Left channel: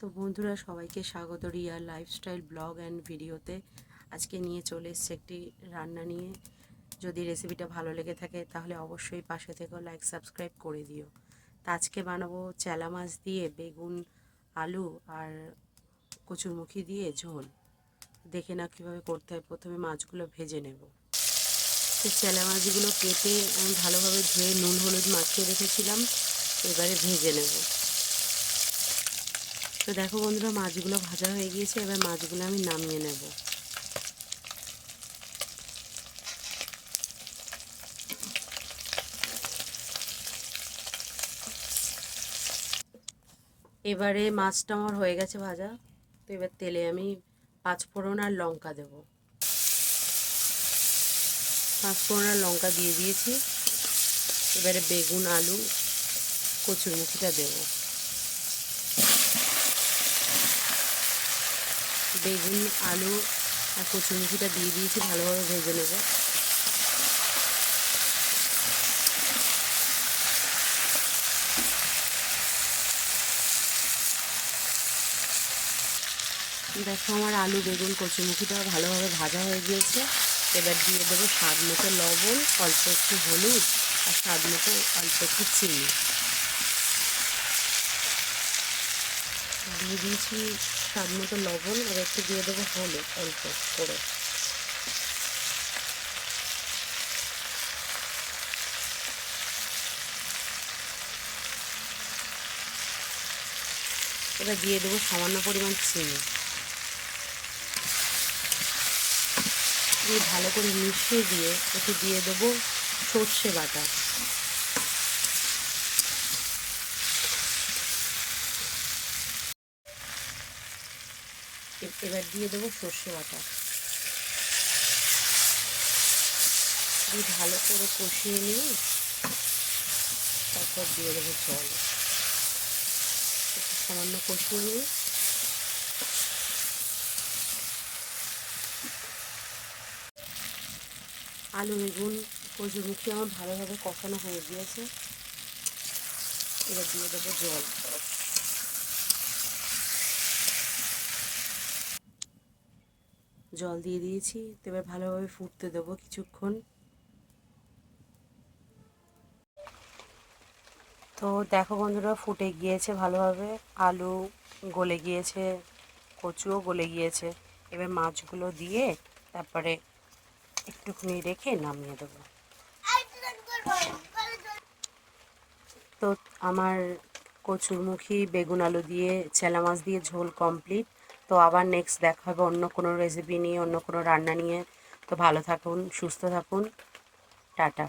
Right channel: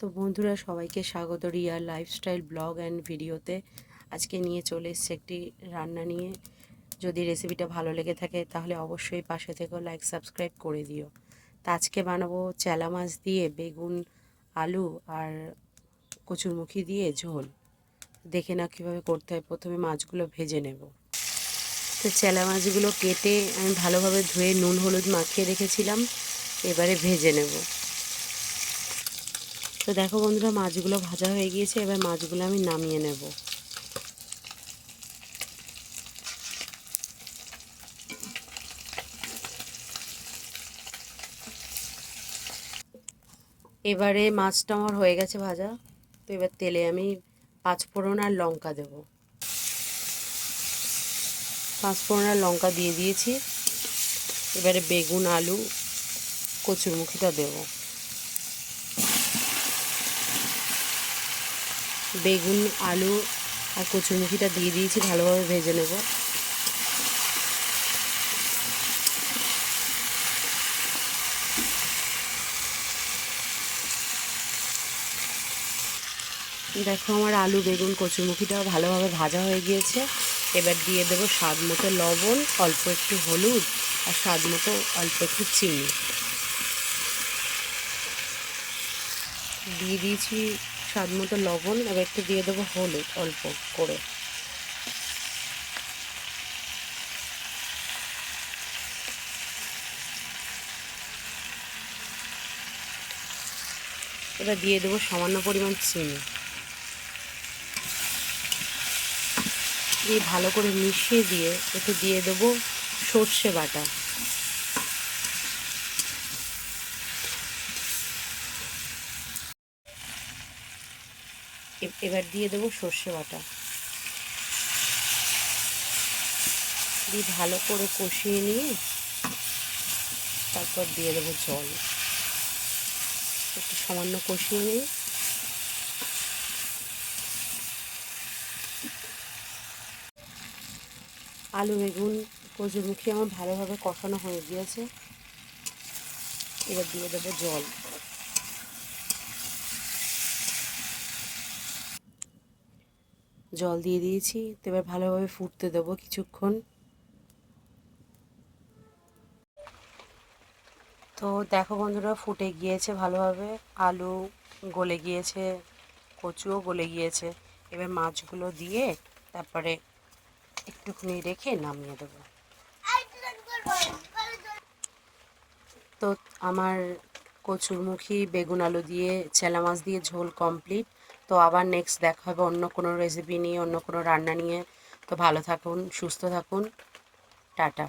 তো বন্ধুরা, সবাইকে স্বাগত রিয়ার লাইফস্টাইল ব্লগ অ্যান্ড ভিডিওতে। আজকে নিয়ে চলে এসেছি একটি রান্না নিয়ে। যদি রেসিপিটা ভালো লেগে থাকে তাহলে অবশ্যই পাশে থেকেও লাইক সাবস্ক্রাইব করে দিও। তা আজকে বানাবো চেলা মাছ দিয়ে বেগুন, আলু আর কচুরমুখী দিয়ে ঝোল। দেখে না কীভাবে করতে হয়। প্রথমে মাছগুলো ভেজে নেব। তো চেলা মাছগুলো কেটে আমি ভালোভাবে ধুয়ে নুন হলুদ মাখিয়ে রেখেছিলাম, এবারে ভেজে নেব। তো দেখো বন্ধুরা, মাছগুলো ভাজা হয়ে গিয়েছে, এবার মাছগুলো আমি নামিয়ে নেব। এবারে মাছটা আমার হয়ে গেছে ভাজা। তো এবার তেলে আমি পাঁচফোড়ন আর লঙ্কা দেব। পাঁচফোড়ন আর লঙ্কা দিয়ে দিয়েছি। এবারে বেগুন, আলু, কচুরমুখিটা দেব। বেগুন, আলু আর কচুরমুখিটা দিয়ে দিয়েছি, ভালোভাবে ভেজে নেব। দেখো আমার আলু, বেগুন, কচুরমুখিটাও ভালোভাবে ভাজা হয়ে গিয়েছে। এবার দিয়ে দেবো স্বাদ মতো লবণ, অল্প একটু হলুদ আর স্বাদ মতো অল্প একটু চিনি দিয়ে দিয়েছি। স্বাদ মতো লবণ, এবার একটু দিয়ে দেবো হলুদ অল্প করে। এবার দিয়ে দেবো সামান্য পরিমাণ চিনি দিয়ে ভালো করে মিশিয়ে দিয়ে একটু দিয়ে দেবো সর্ষে বাটা। এবার দিয়ে দেবো সর্ষে বাটা দিয়ে ভালো করে কষিয়ে নিয়ে তারপর দিয়ে দেবো জল। একটু সামান্য কষিয়ে নিয়ে আলু, বেগুন, কচুরমুখী আমার ভালোভাবে কষানো হয়ে গিয়েছে। এবার দিয়ে দেবো জল। জল দিয়ে দিয়েছি, এবার ভালোভাবে ফুটতে দেবো কিছুক্ষণ। তো দেখো বন্ধুরা, ফুটে গিয়েছে ভালোভাবে, আলু গলে গিয়েছে, কচুও গলে গিয়েছে। এবার মাছগুলো দিয়ে তারপরে একটুখানি রেখে নামিয়ে দেবো। তো আমার কচুরমুখী, বেগুন, আলু দিয়ে চেলা মাছ দিয়ে ঝোল কমপ্লিট। তো আবার নেক্সট দেখা হবে অন্য কোনো রেসিপি নিয়ে, অন্য কোনো রান্না নিয়ে। তো ভালো থাকুন, সুস্থ থাকুন, টাটা।